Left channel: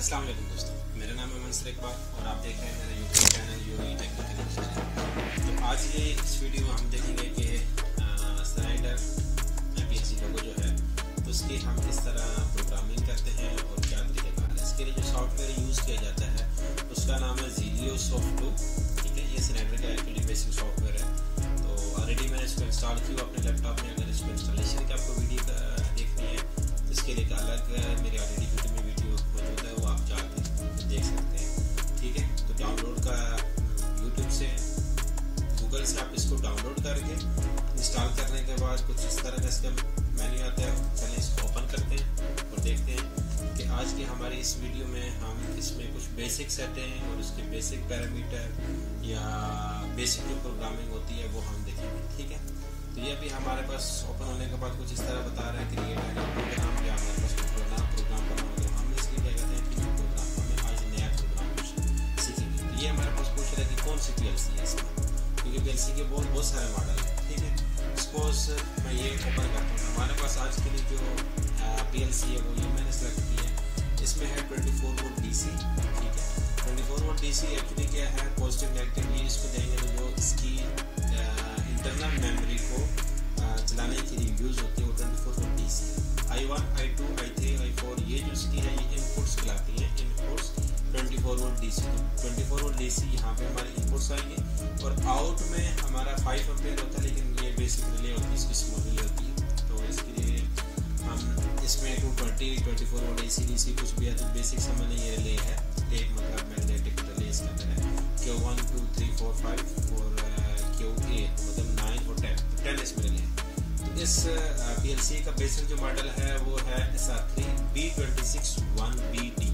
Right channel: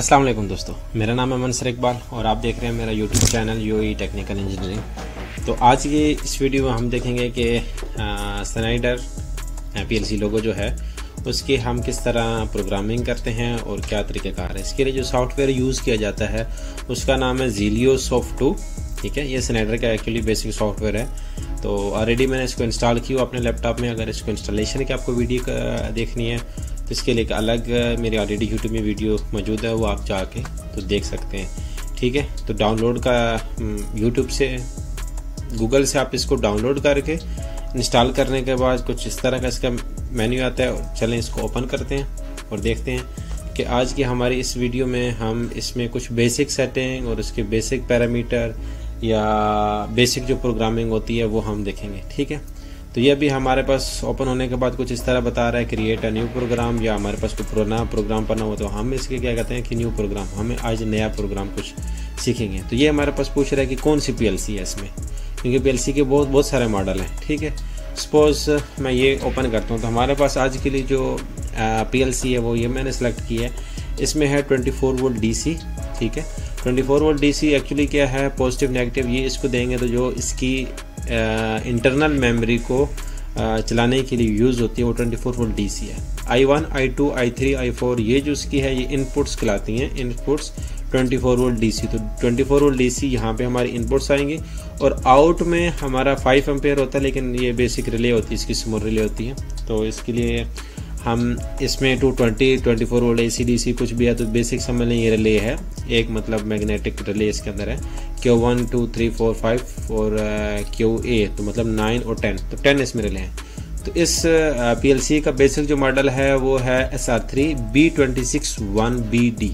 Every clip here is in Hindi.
अस्सलाम वालेकुम दोस्तों, मेरा नाम है मंसूर इकबाल और आप देख रहे हैं मेरा YouTube channel UAE technical engineering. तो आज की इस वीडियो में हम देखेंगे कि स्नाइडर पीएलसी लोगो जो है उसकी हम किस तरह प्रोग्रामिंग करते हैं और क्या तरीक़ेकार है। इसके लिए जो सॉफ्टवेयर यूज़ किया जाता है उसका नाम है ज़ीलियो सॉफ्ट 2। ठीक है, ये स्नाइडर का एक्चुअली बेसिक सॉफ्टवेयर है। तो ऑलरेडी मैंने इसको इंस्टॉल किया अपने लैपटॉप में। अगर इसको इंस्टॉलेशन की आपको वीडियो देखनी है तो इसके लिए एक अलग मेरी ऑलरेडी यूट्यूब में वीडियो मौजूद है, वो आप जाके तो देख सकते हैं। ठीक है, तो डाउनलोड का यूट्यूब से गूगल से आप इसको डाउनलोड करके इंस्टॉल करने के बाद कुछ इस तरह का इसका मेन्यू आता है। चलें इसको ओपन करते हैं और देखते हैं कि आज की हमारी इस वीडियो में हम इसमें कुछ बेसिक सेटिंग और उसके बेसिक पैरामीटर या बेसिक जो प्रोग्रामिंग होती है वो हम देखेंगे। ठीक है, तो ये अभी हमारे पास ओपन होने के बाद कुछ इस तरह बता रहा है क्रिएट अ न्यू प्रोग्राम, या हमारे पास कोई पुराना प्रोग्राम पढ़ना हो तो हम इसके क्या कहते हैं कि न्यू प्रोग्राम, हमें आज नया प्रोग्राम कुछ सीखेंगे। तो ये हमारे पास पूछ रहा है कि कौन सी पीएलसी है इसमें, क्योंकि पीएलसी के बहुत सारे मॉडल हैं। ठीक है, सपोज मैं ये ओपन करता हूँ तो हमारे पास आज के लिए जो पीएलसी है वो ये मैंने सेलेक्ट की है। इसमें है 24 वोल्ट डीसी। ठीक है, 24 वोल्ट डीसी एक्चुअली क्या है, पॉजिटिव नेगेटिव ये इसको देंगे तो जो इसकी इंटरनल मेमोरी को चलाने के लिए यूज़ होती है वो 24 वोल्ट डीसी है। I1, I2, I3, I4 ये जो इसकी है ये इनपुट्स कहलाती हैं, इनपुट्स 24 वोल्ट डीसी। तो 24 वोल्ट डीसी यहाँ पे हमारी इनपुट्स आएंगे और आउट में हमारा 5 एम्पेयर होता है, लेकिन ये बेसिक रिले होती है, इसकी स्मॉल रिले होती है। तो इसके लिए हम इसमें 220, 24 वोल्ट AC DC कुछ भी है तो बेसिक समझ लें ये रिले है, एक मतलब मैग्नेटिक रिले इसके अंदर है। Q1 2 3 4 5 और QA तो मतलब 9 और 10, तो 10 इसमें रिले हैं। तो इस PLC का बेसिक जो मॉडल है वो है SR3 B261BD।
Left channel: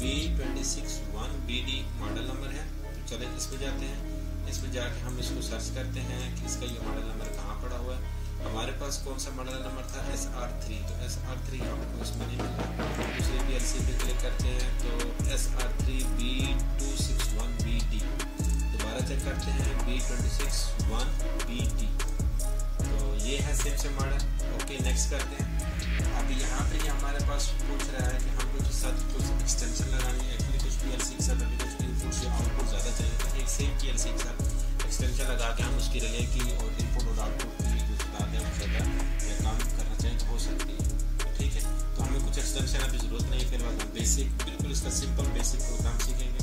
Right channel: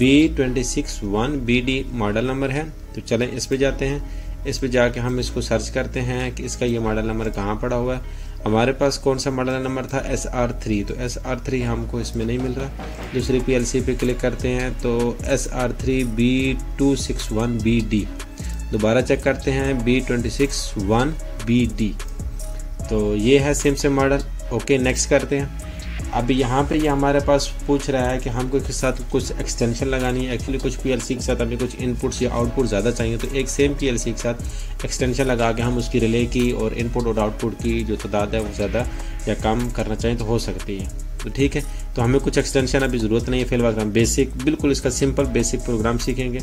B261BD model number है। तो चलें इस पे जाते हैं, इस पे जाके हम इसको सर्च करते हैं कि इसका ये मॉडल नंबर कहाँ पड़ा हुआ है। हमारे पास कौन सा मॉडल नंबर था, SR3, तो SR3 हमको इसमें नहीं मिल रहा। दूसरी PLC पे क्लिक करते हैं तो SR3 B261BD, दोबारा चेक करते हैं B261BD, तो ये है सेम से मॉडल। ओके, नेक्स्ट करते हैं। अभी यहाँ पे ये हमारे पास पूछ रहा है कि हमको इसके साथ कुछ एक्सटेंशन लगानी है। एक्चुअली कुछ पीएलसी के साथ हमें कुछ इनपुट्स या आउटपुट ज़्यादा चाहिए, तो एक सेम पीएलसी के साथ एक्सटेंशन लगा के हम उसकी रिले की और इनपुट और आउटपुट की जो तादाद है वो ज़्यादा या कम करना चाहिए तो हो सकती है। तो ठीक है, तो हमें कुछ एक्सटेंशन अभी ज़रूरत नहीं है, फिलहाल हम बेसिक बिल्कुल इसका सिंपल बेसिक प्रोग्राम सीखेंगे।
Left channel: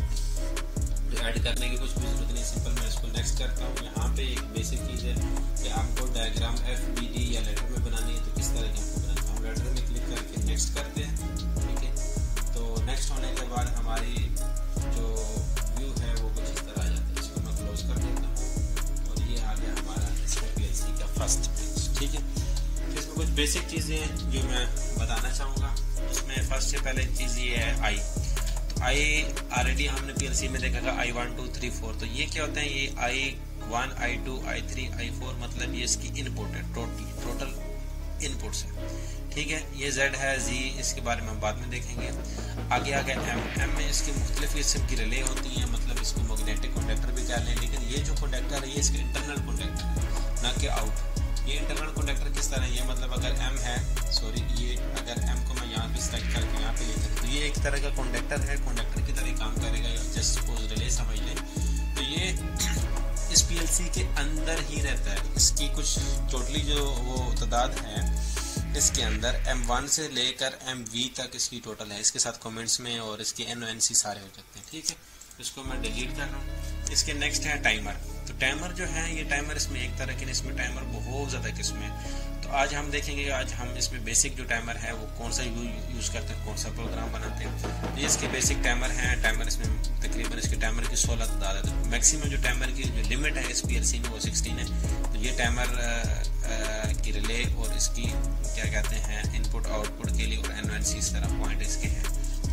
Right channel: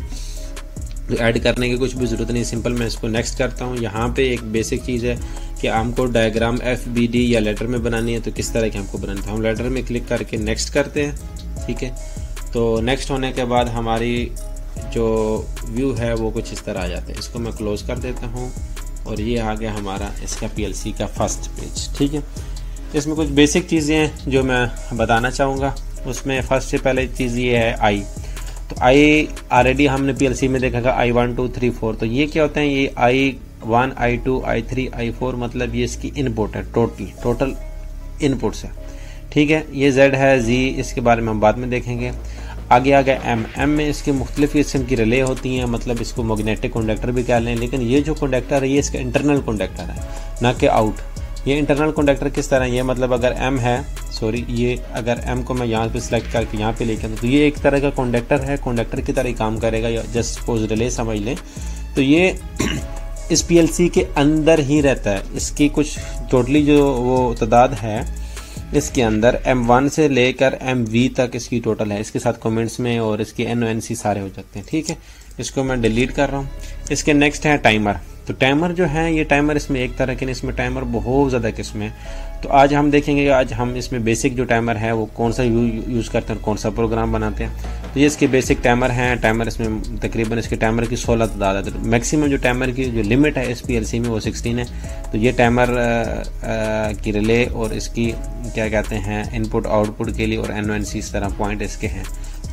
तो ऐड करने की कुछ भी ज़रूरत नहीं, सिंपल मैं इसको नेक्स्ट करता हूँ। यहाँ पे एक बेसिक चीज़ है कि हमको डायग्राम FBD या लेटर में बनानी है, तो किस तरह की हमको बनानी है। हम लेटर में क्लिक करके नेक्स्ट करते हैं। ठीक है, तो नेक्स्ट होने के बाद हमारी जो व्यू है वो कुछ इस तरह आ जाता है। इसको मैं क्लोज कर देता हूँ और ये आ गया हमारा इसका PLC का फर्स्ट पेज। ठीक है, इसमें कुछ बेसिक चीज़ें हैं जो मैं बताना चाहूँगा। उसमें फर्स्ट से पहले चीज़ ये है I। तो I ऑलरेडी हमने PLC में देखा था I1 2 3 4। तो ये क्या होता है, ये I1 I2 I3 I4 मतलब ये इसकी इनपुट है, टोटल इनपुट्स है। ठीक है, ये Z है, Z इसके बारे में हम बाद में देखेंगे। आगे आ गया M में इसके मुख्तलिफ किस्म की रिले होती हैं, मतलब इसको मैग्नेटिक कंडक्टर भी कह लें, लेकिन ये जो कंडक्टर है ये इसका इंटरनल कंडक्टर है, ना कि आउट। ये इंटरनल कंडक्टर किस तरह, ये मतलब अगर M है, सॉरी ये अगर M को मैं यहाँ पे सिलेक्ट करके यहाँ पे लेकर तो ये एक तरह का कंडक्टर है, कंडक्टर की तरह ही काम करेगा, या जस्ट सपोज रिले समझ लें। तो ये इस PLC के अंदर ही रहता है। इसकी कुछ टोटली जो वो तादाद है इसके अंदर M1 से लेकर MV तक इसकी टोटल है। इसके साथ कमेंट्स में और इसके NONC सारे हो जाते हैं। ठीक है, इसको मैं डिलीट कर रहा हूँ। इसके नेक्स्ट है टाइमर। तो टाइमर जो है ये टाइमर इसमें एक तरह के नहीं, इसमें टाइमर बहुत ज़्यादा किस्म है। तो आज हम देखेंगे, आज हम इसमें बेसिक जो टाइमर है वो कौन सा यूज़ करते हैं, कौन सा प्रोग्राम बनाते हैं। तो ये इसके बेसिक टाइमर हैं। टाइमर इसमें तकरीबन इसके टाइमर की 16 तादाद है। मैक्सिमम जो टाइमर की जो लिमिट है इस PLC में वो 16 है। तो ये टाइमर की रिले और इसकी क्या कहते हैं इनपुट आउटपुट के लिए और NONC इस तरह पॉइंट इसके हैं।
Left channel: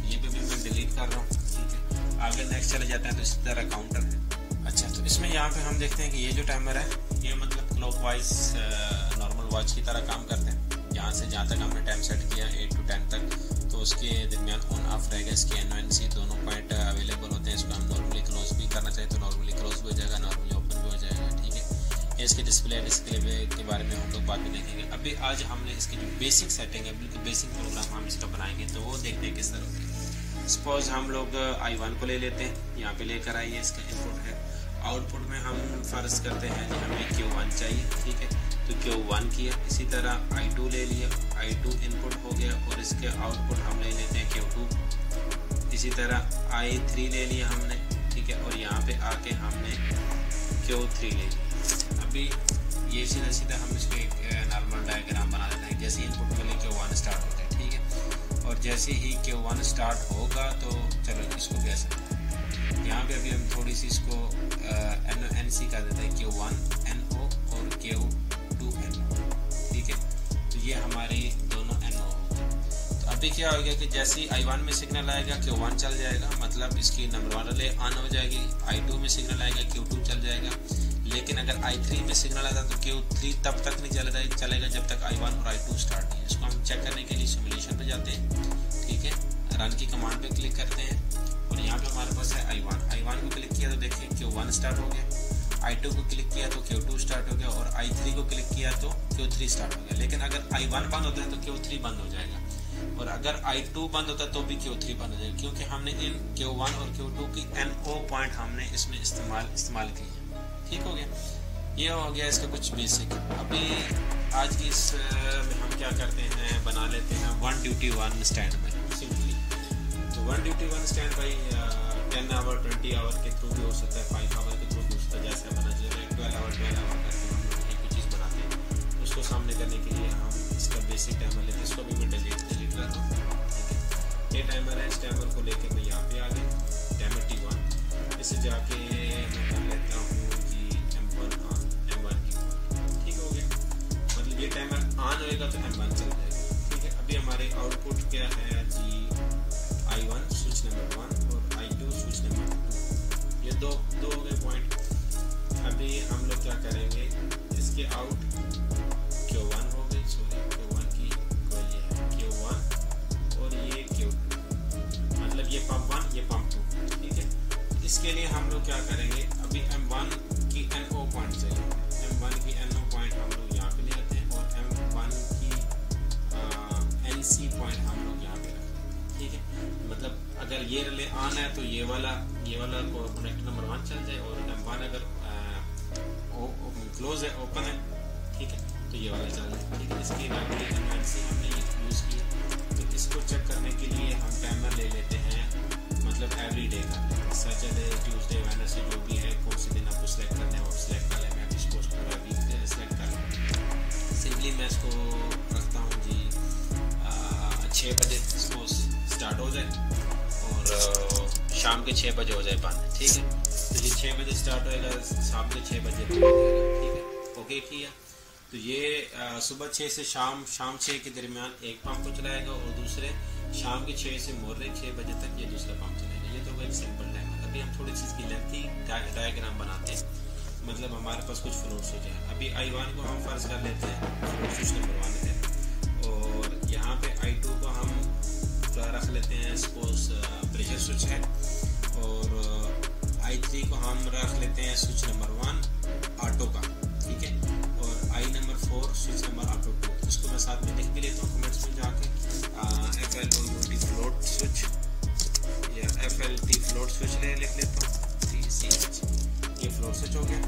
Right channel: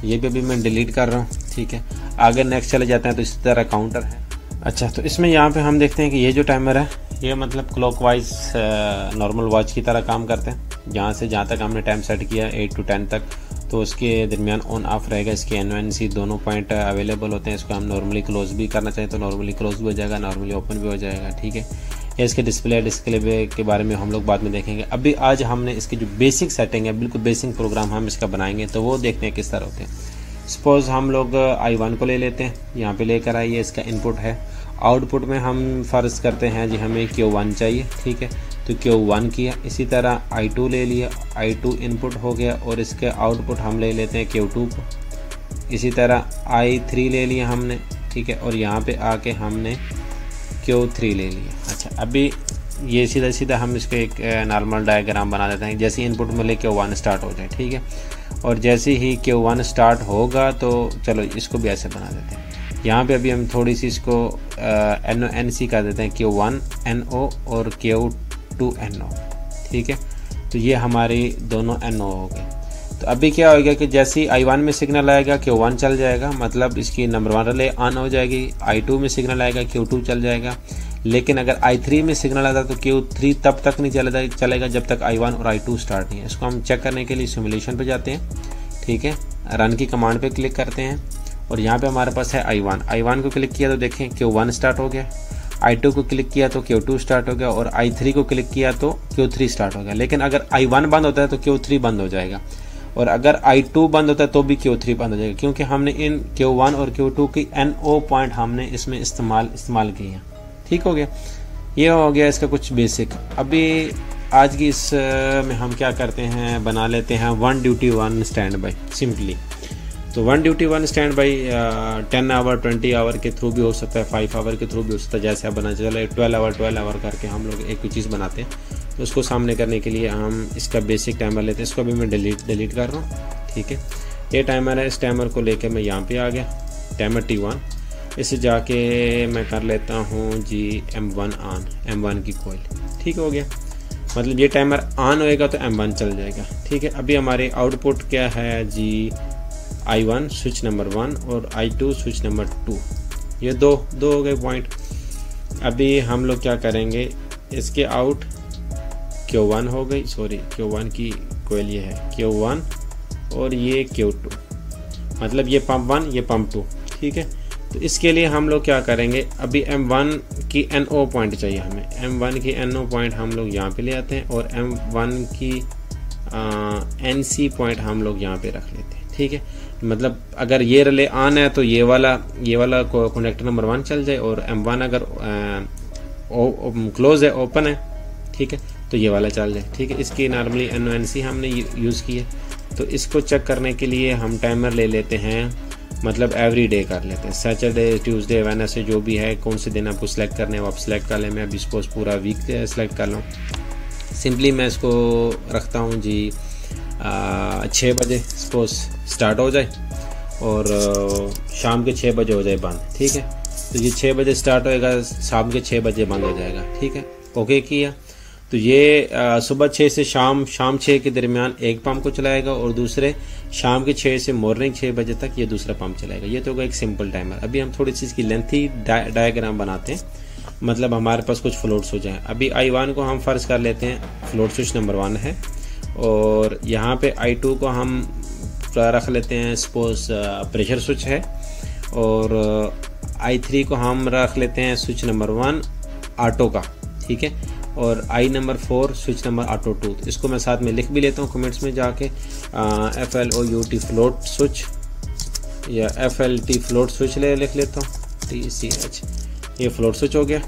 ये भी अभी मैं डिलीट कर रहा हूँ। ठीक है, आगे नेक्स्ट चले जाते हैं। तो इस तरह काउंटर है। अच्छा, तो इसमें यहाँ पे हम देखते हैं कि ये जो टाइमर है ये मतलब क्लॉकवाइज नॉर्मल वॉच की तरह काम करते हैं। यहाँ से जहाँ तक हमने टाइम सेट किया 8 to 10 तक, तो उसके दरमियान ऑन ऑफ रहेगा। इसके NONC दोनों पॉइंट अवेलेबल होते हैं। इसको हम नॉर्मली क्लोज भी करना चाहें तो नॉर्मली क्लोज भी हो जाएगा, नॉर्मली ओपन भी हो जाएगा। ठीक है, या इसके डिस्प्ले के बारे में हम लोग बाद में देखेंगे। अभी आज हमने इसकी जो बेसिक सेटिंग है, बिल्कुल बेसिक प्रोग्राम हम इसका बनाएंगे, तो वो देखते हैं किस तरह होते हैं। सपोज़ हम लोग I1 को ले लेते हैं, यहाँ पे लेकर आइए, इसका इनपुट है। आउटपुट में हम फ़र्ज़ करते हैं जी हमें Q1 चाहिए, ठीक है, तो Q1 किया। इसी तरह I2 ले लिया, I2 इनपुट हो गया और इसके आउटपुट हम ले लेते हैं Q2 को। इसी तरह I3 ले लिया हमने, ठीक है, और यहाँ पे आके हमने Q3 ले लिया। अच्छा, अभी ये सीधा सीधा हम इसको एक नॉर्मल डायग्राम बना देते हैं। जैसे इनपुट में ले Q1 स्टार्ट हो जाए, ठीक है, और जैसे ही Q1 स्टार्ट होगा तो चलो इसको भी ऐसे बना देते हैं। यहाँ पे अभी हम थोड़ी सी इसको NO कर देते हैं, Q1 NO और Q2 NO, ठीक है, तो ये हमारी दोनों NO हो गए। तो अभी क्या होगा कि जैसे ही I1 में सिग्नल आएगा Q1 चल जाएगा, मतलब इसकी नंबर 1 रिले ऑन हो जाएगी। I2 में सिग्नल आएगा Q2 चल जाएगा। लेकिन अगर I3 में सिग्नल आता है तो Q3 तब तक नहीं चलेगा जब तक I1 और I2 स्टार्ट नहीं है। इसको हम चेक करने के लिए सिमुलेशन पे जाते हैं, ठीक है, रन की कमांड पे क्लिक करते हैं और यहाँ पे हमारे पास है I1 को क्लिक किया तो देखें Q1 स्टार्ट हो गया। I2 को क्लिक किया तो Q2 स्टार्ट हो गया और I3 को क्लिक किया तो Q3 स्टार्ट हो गया। लेकिन अगर I1 बंद होता है तो Q3 बंद हो जाएगा और अगर I2 बंद होता है तो भी Q3 बंद हो जाएगा, क्योंकि हमने इन Q1 और Q2 की NO पॉइंट हमने इसमें इस्तेमाल किए हैं। ठीक हो गया, ये हो गया इसका कुछ बेसिक। अभी आज की इस में हम क्या करते हैं, बना लेते हैं 1 ड्यूटी 1 स्टैंड बाई सिंपली। तो 1 duty 1 stand by 10 hour 20 hour के थ्रू भी हो सकता है, 5 आवर के थ्रू भी हो सकता है, जैसे आप बना चले 12 आवर करके हम लोग एक चीज़ बनाते हैं। तो उसको सामने करने के लिए हम इसका बेसिक टाइमर लेते हैं। इसको भी मैं डिलीट कर रहा हूँ, ठीक है। ये टाइमर है, इस टाइमर को लेकर मैं यहाँ पे आ गया, टाइमर T1। इसे जाके मैं कर लेता हूँ जी M1 ऑन, M1 की कॉइल, ठीक हो गया। मतलब ये टाइमर ऑन होएगा तो M1 चल जाएगा, ठीक है। अभी हमारे आउटपुट क्या है जी, I1 स्विच नंबर 1 और I2 स्विच नंबर 2, ये दो हो गए पॉइंट। अभी हम लोग क्या करेंगे, इसके आउट Q1 हो गई, सॉरी Q1 की कॉइल ये है Q1 और ये Q2, मतलब ये पंप 1 ये पंप 2, ठीक है। तो इसके लिए हम लोग क्या करेंगे, अभी M1 की NO पॉइंट चाहिए हमें। M1 की NO पॉइंट हम लोग यहाँ पे ले आते हैं और M1 की NC पॉइंट हम लोग यहाँ पे रख लेते हैं, ठीक है। मतलब अगर ये रिले ऑन है तो ये वाला कनेक्टर नंबर 1 चल जाए और M1 अगर क्लोज है, ओपन है, ठीक है, तो ये वाला चल जाए, ठीक है। इसकी नॉर्मली NONC हमने यूज़ की है। तो इसको चेक करने के लिए हम टाइमर ले लेते हैं, मतलब एवरी डे कर लेते हैं, सैटरडे ट्यूसडे वेडनेसडे जो भी है, कौन से दिन आपको सिलेक्ट करने हैं वो आप सिलेक्ट कर लें। मैं अभी सपोज पूरा वीक सिलेक्ट कर लूँ। सिंपली मैं इसको रखता हूँ जी 6 बजे सपोज स्टार्ट हो जाए और शाम के 6 बजे हो जाए बंद, ठीक है। तो ये 6 बजे स्टार्ट होएगा, शाम के 6 बजे बंद हो जाएगा, ठीक है। ओके किया तो ये सुबह 6 से शाम 6 के दरमियान एक पंप को चलाएगा और दूसरे शाम के 6 से मॉर्निंग 6 बजे तक ये दूसरा पंप चलाएगा। ये तो होगा एक सिंपल टाइमर। अभी हम थोड़ी सी इसकी लेंथी डायग्राम बनाते हैं, मतलब हमारे पास कुछ फ्लोट्स हो जाएं। अभी I1 को हम फ़र्ज़ कर लेते हैं फ्लोट स्विच नंबर 1 है और यहाँ पे I2 को हम रख लेते हैं सपोज प्रेशर स्विच है और I3 को हम रख लेते हैं स्विच नंबर 1 ऑटो का, ठीक है, और I number 4 switch number auto 2। इसको मैं साथ में लिख भी लेता हूँ कमेंट्स में जाके, FLOUT फ्लोट स्विच या FLT फ्लोट स्विच लिख लेता हूँ, TCH, ये फ्लोट स्विच हो गया,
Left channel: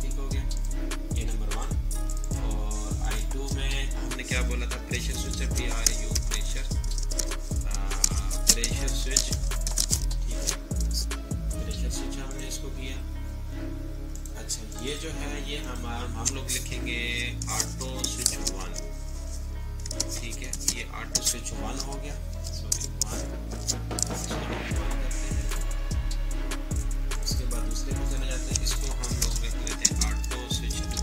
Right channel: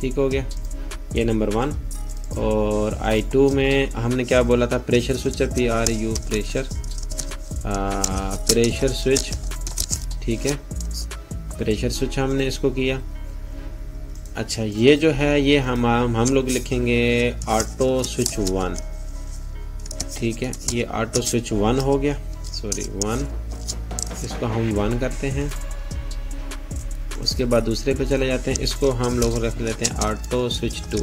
ठीक हो गया, ये नंबर 1। और I2 में हमने क्या बोला था, प्रेशर स्विच है, PRU प्रेशर स्विच, ठीक है, प्रेशर स्विच हमने इसको किया। अच्छा, ये जो है ये हम लोग लिखेंगे ऑटो स्विच 1, ठीक है, ये ऑटो स्विच 1 हो गया, सॉरी 1, इसको हम 1 करते हैं। उसके बाद दूसरे पे चले जाते हैं, इसको हम लोग रख लेते हैं ऑटो स्विच 2,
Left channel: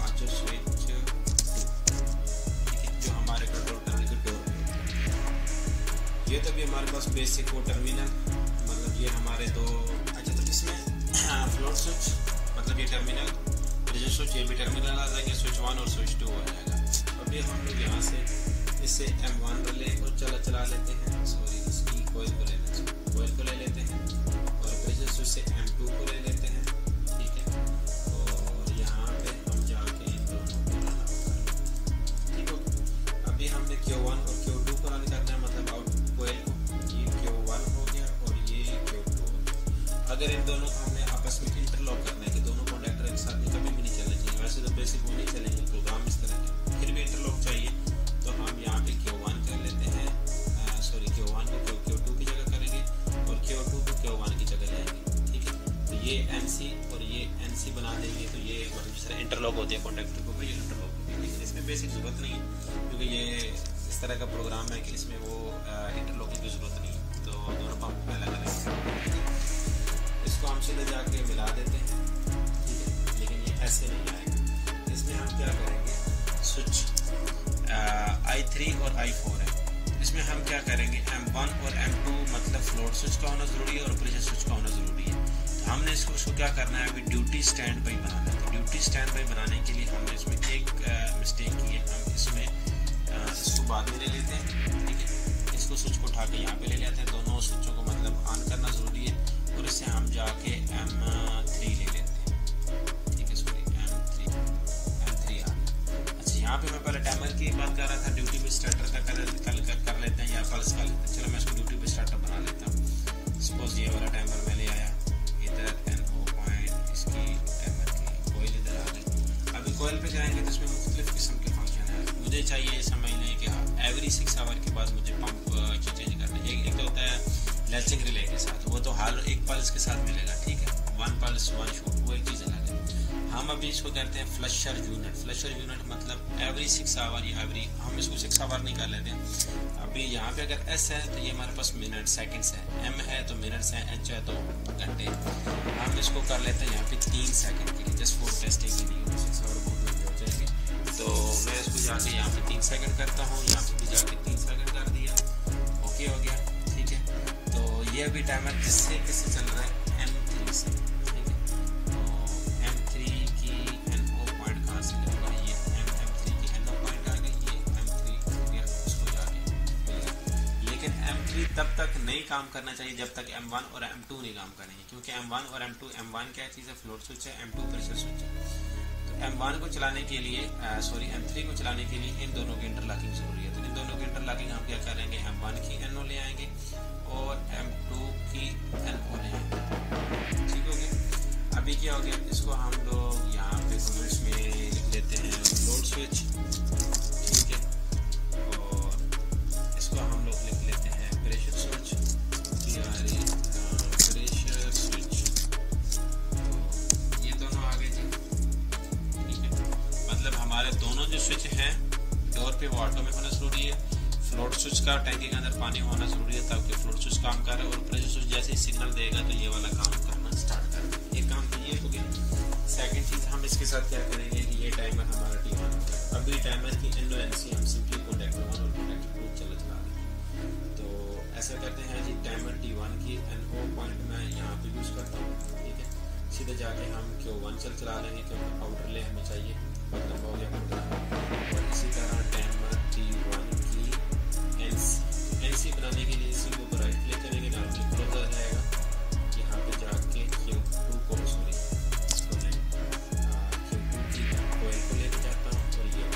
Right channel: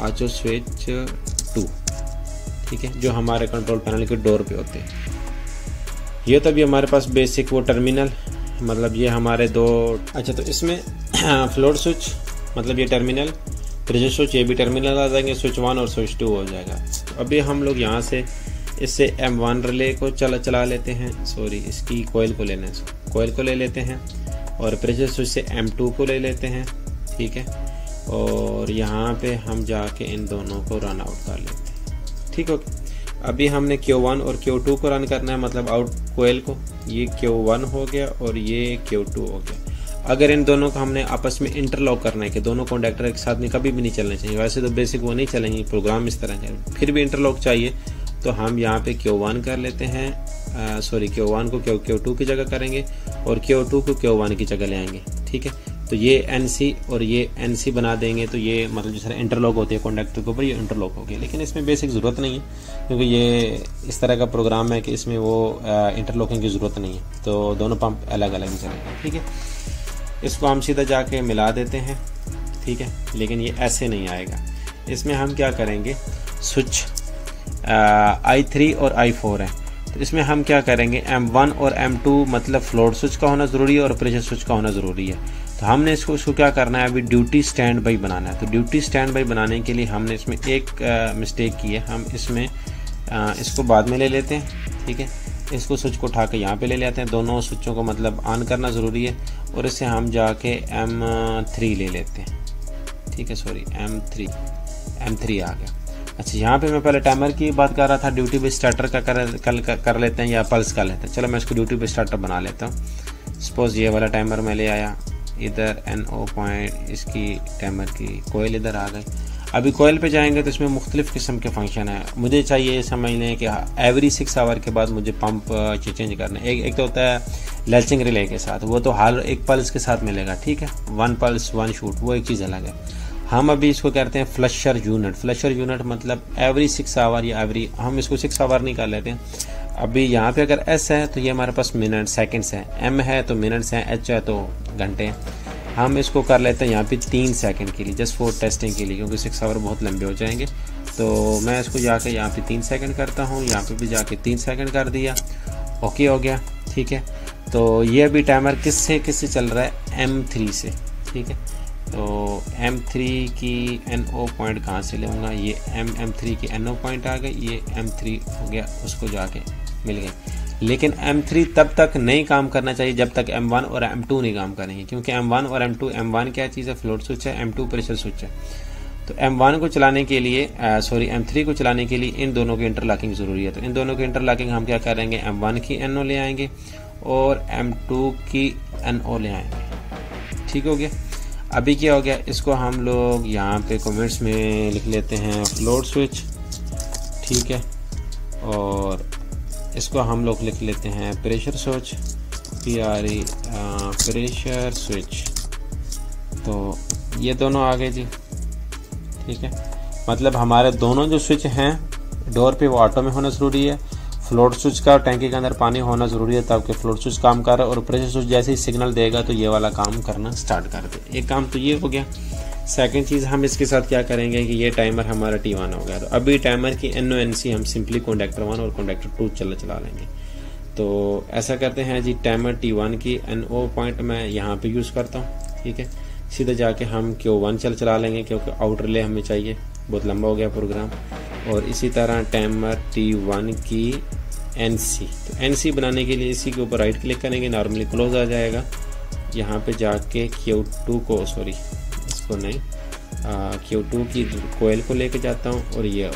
ऑटो स्विच 2, ठीक है, जो हमारे कंट्रोल पैनल के डोर पे होते हैं। ये तो भी हमारे पास बेसिक वो टर्मिनल, मतलब ये हमारे दो। अच्छा, तो इसमें फ्लोट स्विच मतलब ये टर्मिनल, प्रेशर स्विच ये भी टर्मिनल आ जाएंगे, स्विच 1 और स्विच 2 हो जाएगा। अभी हम लोग यहाँ से इससे M1 रिले को चला लेते हैं, सॉरी इसकी कॉइल को लेना है, कॉइल को ले लेते हैं और प्रेशर स्विच से M2 को ले लेते हैं, ठीक है, और यहाँ पे हम जाके इन दोनों को रन आउट कर लेते हैं, ठीक हो। अभी हमने Q1 और Q2 को रन करना है, मतलब आउट कोयल को, ये Q1 हो गया और ये Q2 हो गया। अगर इन दोनों को हमने आपस में इंटरलॉक करना है कि दोनों कॉन्डक्टर एक साथ में कभी भी नहीं चलने चाहिए, वैसे तो बेसिक वो नहीं चलेंगे, प्रोग्राम इस तरह है, फिर भी इंटरलॉक चाहिए तो हम यहाँ पे Q1 कर लेते हैं, Q1 को Q2 की जगह करेंगे और Q2 को Q1 की जगह ले आएंगे। ठीक है, तो ये NC और ये NC बना देंगे, तो ये मतलब जिस तरह इंटरलॉक होती है कॉन्डक्टर के ऊपर, ये इंटरलॉक हो गया। लेकिन इसमें बेसिक ज़रूरत नहीं है क्योंकि ये इस तरह का प्रोग्राम है कि इसमें वो इंटरलॉकिंग की ज़रूरत नहीं है, तो दोनों पंप अलग अलग ही चलेंगे। ठीक है, इसको हम सीधा जाके मिला देते हैं। ठीक है, लेकिन ये ऐसे नहीं आएगा, इसमें हम क्या करेंगे, स्विच I3 और I4 है, तो इसमें हम क्या करेंगे, M1 और M2 मतलब फ्लोट स्विच का होना ज़रूरी है और प्रेशर स्विच का होना ज़रूरी है। तो हमने इसको क्या करना है, अभी ड्यूटी स्टैंड बाई बनाना है। तो ड्यूटी स्टैंड बाई बनाने के लिए हमने इसमें एक मिस्टेक की है, हम इसमें इसको बाद में ले लेते हैं। ठीक है, इसको स्विच को उठा के यहाँ पे ले लेते हैं, दोनों स्विचों को मतलब ऑन करना ज़रूरी है, और इससे हम जाके M3 ले लेते हैं। ठीक है, सॉरी M3 आ गया। अच्छा, यहाँ पे मैं पहले टाइमर की बात कर रहा था, ड्यूटी बेस स्टार्टर का कर लेते हैं या पल्स का लेते हैं। चलो मैं इसको ड्यूटी बेस स्टार्टर बना लेता हूँ। सपोज ये वाला टाइमर मैं ले आया, इधर NO पॉइंट, इसकी टाइमर की कोयल इधर आ गई। अभी कोयल पे जाएंगे तो इसमें मुख्तलिफ़ किस्म के फंक्शन है। मुझे चाहिए समझ लें कि एवरी 6 आवर के बाद मुझे पंप चेंज करना है। एक तो होता है लैचिंग रिले के साथ, वो तो हर एक पल्स के साथ मिलेगा। ठीक है, 1 पल्स 1 शूट, वो एक चीज़ अलग है। हम अभी इसको कहते हैं फ्लशर यूनिट। फ्लशर यूनिट मतलब एवरी 6 आवर या हम इसको 6 आवर नहीं कर लेते हैं। अभी यहाँ पे अगर S है तो ये हमारे पास मिनट सेकंड्स है, M है तो मिनट्स हैं, H है तो घंटे हैं। हम इसको कर लेते हैं यहाँ पे 3 सेकंड के लिए, जस्ट फॉर टेस्टिंग के लिए, क्योंकि 6 आवर बहुत लंबे हो जाएंगे। तो मैं इसको जाके यहाँ पे 3 सेकंड करता हूँ, यहाँ पे भी जाके 3 सेकंड कर दिया, ओके हो गया। ठीक है, तो ये अभी टाइमर किससे चल रहा है, M3 से। ठीक है, तो M3 की NO पॉइंट कहाँ से लूँगा, ये M3 की NO पॉइंट आ गई, ये M3 हो गया, उसको जाके मिल गई। लेकिन M3 तब तक नहीं काम करना चाहिए जब तक M1 और M2 नहीं काम करेंगे, क्योंकि M1 और M2, M1 क्या चीज़ है, फ्लोट स्विच है, M2 प्रेशर स्विच है। तो M1 को चलाने के लिए M3 को चलाने के लिए इन दोनों की इंटरलॉकिंग ज़रूरी है। तो इन दोनों की इंटरलॉकिंग हम क्या करेंगे, M1 की NO ले आएंगे और M2 की NO ले आएंगे। ठीक हो गया। अभी क्या हो गया, इसको हम लोग यहाँ पे कमेंट्स में लिख लेते हैं फ्लोट स्विच। ठीक है, और इसको हम लोग लिख लेते हैं pressure switch, PRE pressure switch. तो ये दोनों आ गए जी। ठीक है, मतलब हमारे दोनों जो स्विच हैं डोर पे वो ऑटो में होना ज़रूरी है। फ्लोट स्विच का टैंकी के अंदर पानी होना ज़रूरी है ताकि फ्लोट स्विच काम करे, और प्रेशर स्विच जैसे ही सिग्नल देगा तो ये वाला काम करना स्टार्ट कर दे। एक काम तो ये हो गया। सेकंड चीज़ हम इसके साथ क्या करेंगे कि ये टाइमर हमारा T1 हो गया, तो अभी टाइमर की NO NC हम सिंपली कॉन्डक्टर 1 और कॉन्डक्टर 2 चला लेंगे। तो ऐसा करते हैं जी, टाइमर T1 की NO पॉइंट मैं यहाँ पे यूज़ करता हूँ। ठीक है, सीधे जाके हम Q1 चला लेंगे क्योंकि आउट रिले हमें चाहिए, बहुत लंबा हो गया प्रोग्राम। और इसी तरह टाइमर T1 की NC, तो NC बनाने के लिए इसी के ऊपर राइट क्लिक करेंगे, नॉर्मली क्लोज आ जाएगा। यहाँ पे जाके Q2 को, सॉरी इसको नहीं, Q2 की कोयल को लेके जाता हूँ और ये,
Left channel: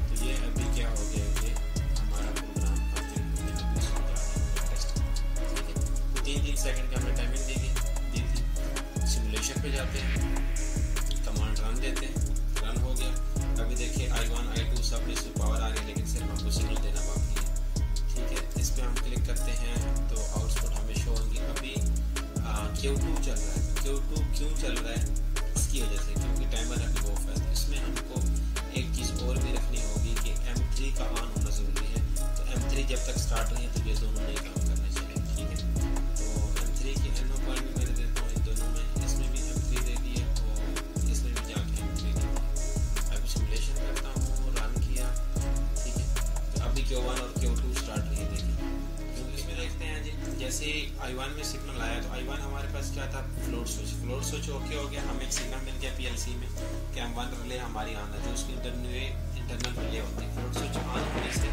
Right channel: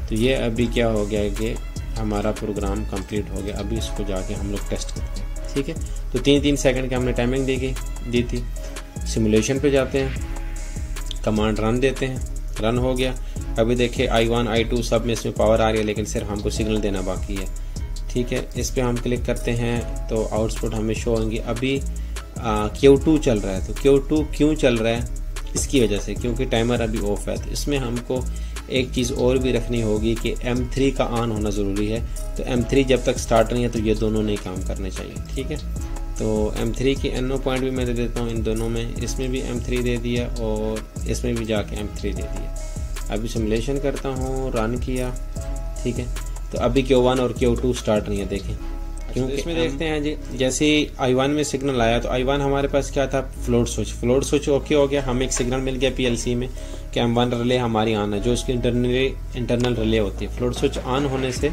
तो ये अभी क्या हो गया कि हमारा प्रोग्राम कंप्लीट हो गया। अभी इसको जाके हम लोग टेस्ट करते हैं। ठीक है, तो 3-3 सेकंड की हमने टाइमिंग दी थी। सिमुलेशन पे जाते हैं, कमांड रन देते हैं, रन हो गया। अभी देखिए I1 I2 सब में इसमें पावर आ रही है, लेकिन सिर्फ हमको सिग्नल देना बाकी है। ठीक है, इस पर हम क्लिक करते हैं तो आउटपुट हमें शो होंगी। अभी Q2 चल रहा है, तो Q2 क्यों चल रहा है, इसकी वजह से क्योंकि टाइमर अभी ऑफ है। तो इसमें हमको एक चीज़ और भी रखनी होगी कि M3 का ऑन होना ज़रूरी है। तो M3 जब तक स्टार्ट नहीं है तो ये दोनों नहीं काम करने चाहिए। ठीक है, तो M3 की NO पॉइंट भी मैं दे देता हूँ इन दोनों में, इसमें भी M3 दे दिया और इसमें भी जाके M3 दे दिया। अभी सिमुलेशन करता हूँ, रन किया। ठीक है, तो अभी Q1 और Q2 स्टार्ट नहीं है, देखें क्योंकि इसमें देखते हैं जी, जैसे I1 में सिग्नल आया तो I1 हमारे पास क्या था, फ्लोट स्विच ओके हो गया। हमें एक सिग्नल मिल गया PLC में कि M1 रिले हमारी ऑन है, जो उसकी इंटरनल रिले होती है। फ्लोट स्विच ऑन होने से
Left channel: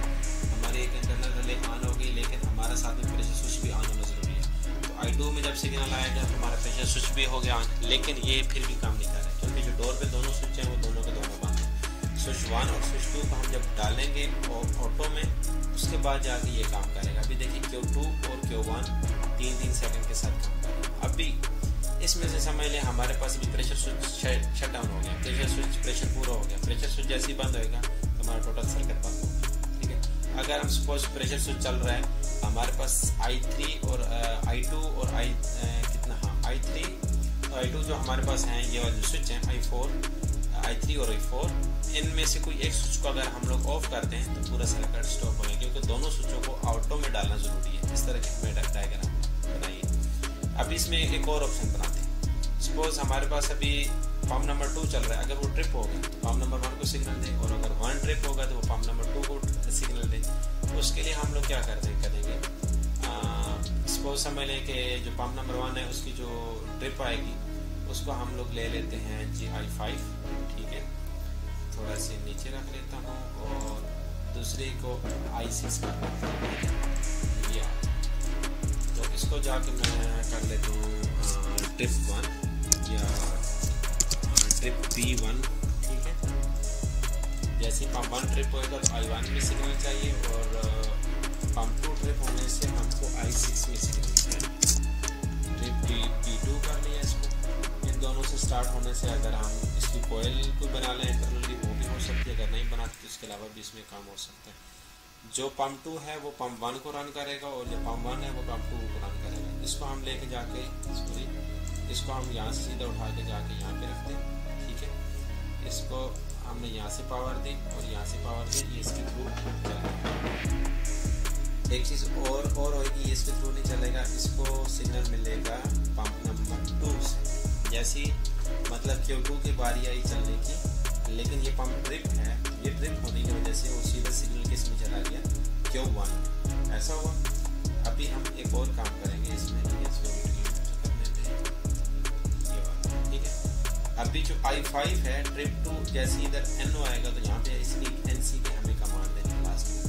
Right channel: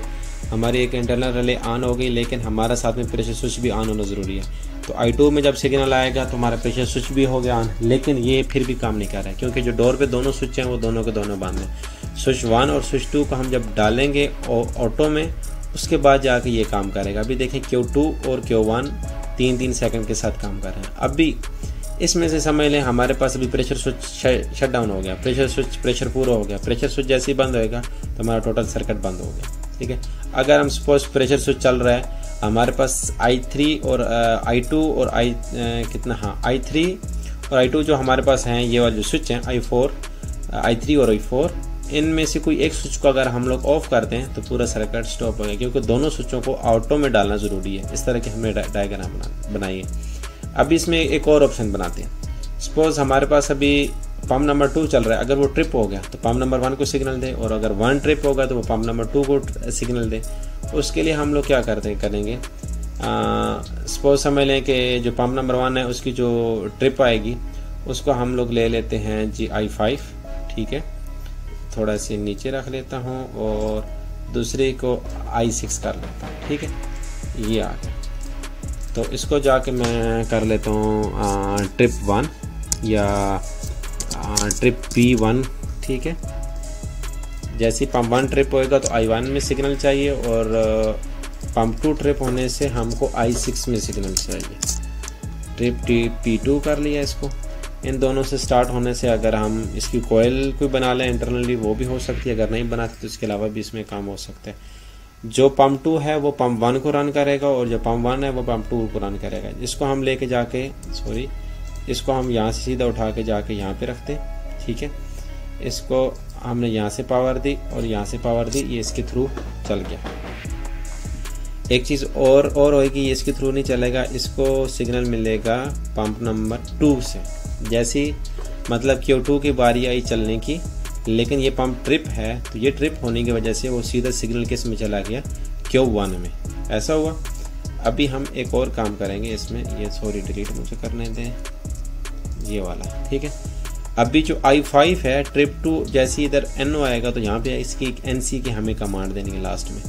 हमारी एक इंटरनल रिले ऑन हो गई, लेकिन हमारा साथ में प्रेशर स्विच भी ऑन होना ज़रूरी है। तो I2 में जब सिग्नल आएगा तो हमारा प्रेशर स्विच भी हो गया ऑन, लेकिन ये फिर भी काम नहीं कर रहा है क्योंकि जो डोर पे दोनों स्विच हैं वो दोनों के दोनों बंद हैं। स्विच 1 और स्विच 2 को हम जब डालेंगे ऑटो में उसके बाद जाके ये काम करेगा। अभी देखें Q2 और Q1 3-3 सेकंड के साथ काम कर रहे हैं। अभी इसमें से समझ लें हमारे पास अभी प्रेशर स्विच शट डाउन हो गया, प्रेशर पूरा हो गया। प्रेशर स्विच जैसे ही बंद होएगा तो हमारा टोटल सर्किट बंद हो गया, ठीक है। अगर हम सपोज प्रेशर स्विच चल रहा है, हमारे पास I3 और I2 और I3 और I2 जो हमारे पास हैं, ये वाले जो स्विच हैं I3 और I4, इनमें से कोई एक स्विच को अगर हम लोग ऑफ करते हैं तो पूरा सर्किट स्टॉप हो गया, क्योंकि दोनों स्विचों को ऑटो में डालना ज़रूरी है। इस तरह की हमें डायग्राम बनाइए। अभी इसमें एक और ऑप्शन बनाते हैं। सपोज हमारे पास अभी पंप नंबर 2 चल रहा है, अगर वो ट्रिप हो गया तो पंप नंबर 1 को सिग्नल दे, और अगर 1 ट्रिप होगा तो वो पंप नंबर 2 को सिग्नल दे। उसके लिए हम लोग क्या करेंगे, सपोज समझ लें कि जो पंप नंबर 1 है उसकी जो ट्रिप आएगी उसको हम लोग ले लेते हैं जी I5, ठीक है। थोड़ा सी नीचे रख लेता हूँ और दूसरे को I6 कर लेता हूँ, ठीक है। ये आ गया। तो इसको जाके मैं कर लेता हूँ ट्रिप 1 या ट्रिप P1, ठीक है। जैसे पंप 1 ट्रिप होएगा तो I1 में सिग्नल चाहिए, और पंप 2 ट्रिप होने से हमको I6 में सिग्नल चाहिए। ट्रिप P2 कर लिया इसको। इन दोनों से स्टार्ट होने से अगर हम इसकी कोयल कोई बना लें इंटरनली वो भी हो सकती है, अगर नहीं बनाते तो इसके अलावा भी इसमें काम हो सकता है। जो पंप 2 है वो पंप 1 को रन करेगा, और जो पंप 1 है वो पंप 2 को रन करेगा। इसको हम लेके जाके इसको हम यहाँ से सीधा उठा के जाके यहाँ पे रखते, ठीक है। इसको हमने यहाँ से पावर दी और यहाँ से पावर दी, ये इसके थ्रू चल गया। एक चीज़ और होगी, ये इसके थ्रू नहीं चलेगा, इसको सिग्नल मिलेगा पंप नंबर 2 से। जैसी मतलब Q2 की बारी आई चलने की, लेकिन ये पंप ट्रिप है तो ये ट्रिप होने की वजह से वो सीधा सिग्नल किस में चला गया, Q1 में। ऐसा हुआ। अभी हम एक और काम करेंगे इसमें, ये डिलीट मुझे करने दें, ये वाला, ठीक है। अभी जो I5 है ट्रिप 2, जैसे इधर NO आएगा तो यहाँ पे इसकी एक NC की हमें कमांड देनी है लास्ट में।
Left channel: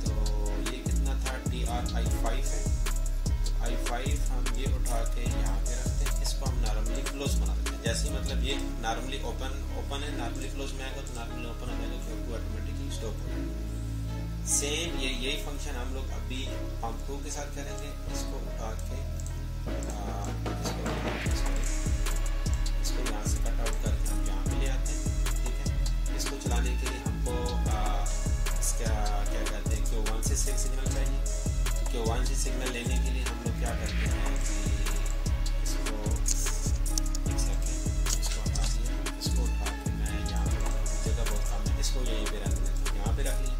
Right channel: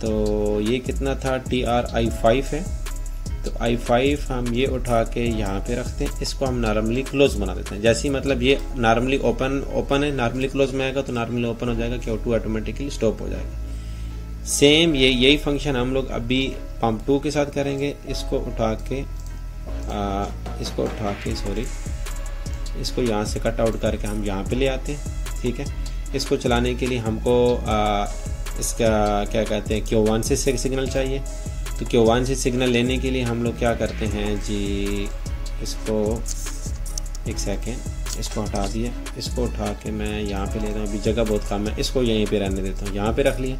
तो ये कितना था, TR I5 है, तो I5 हम ये उठा के यहाँ पे रखते हैं। इसको हम नॉर्मली क्लोज बना देते हैं। जैसे मतलब ये नॉर्मली ओपन है, नॉर्मली क्लोज में आएगा तो नॉर्मली ओपन हो जाएगा, Q2 ऑटोमेटिकली स्टॉप हो जाएगा। सेम यही फंक्शन हम लोग अभी पंप 2 के साथ करेंगे। इसको उठा के इसको यहाँ से कट आउट करके हम यहाँ पे ले आते हैं, ठीक है। इसको चलाने के लिए हमको इसका क्या कहते हैं, Q1 से सिग्नल चाहिए। तो Q1 से सिग्नल लेने के लिए हम लोग क्या करते हैं जी, इसको एक सेकेंड, इसको हटा दिया। इसको उठा के मैं यहाँ पे लेता हूँ, अभी जगह बहुत कम है, इसको यहीं पे रहने देता हूँ, यहाँ पे रख लिया।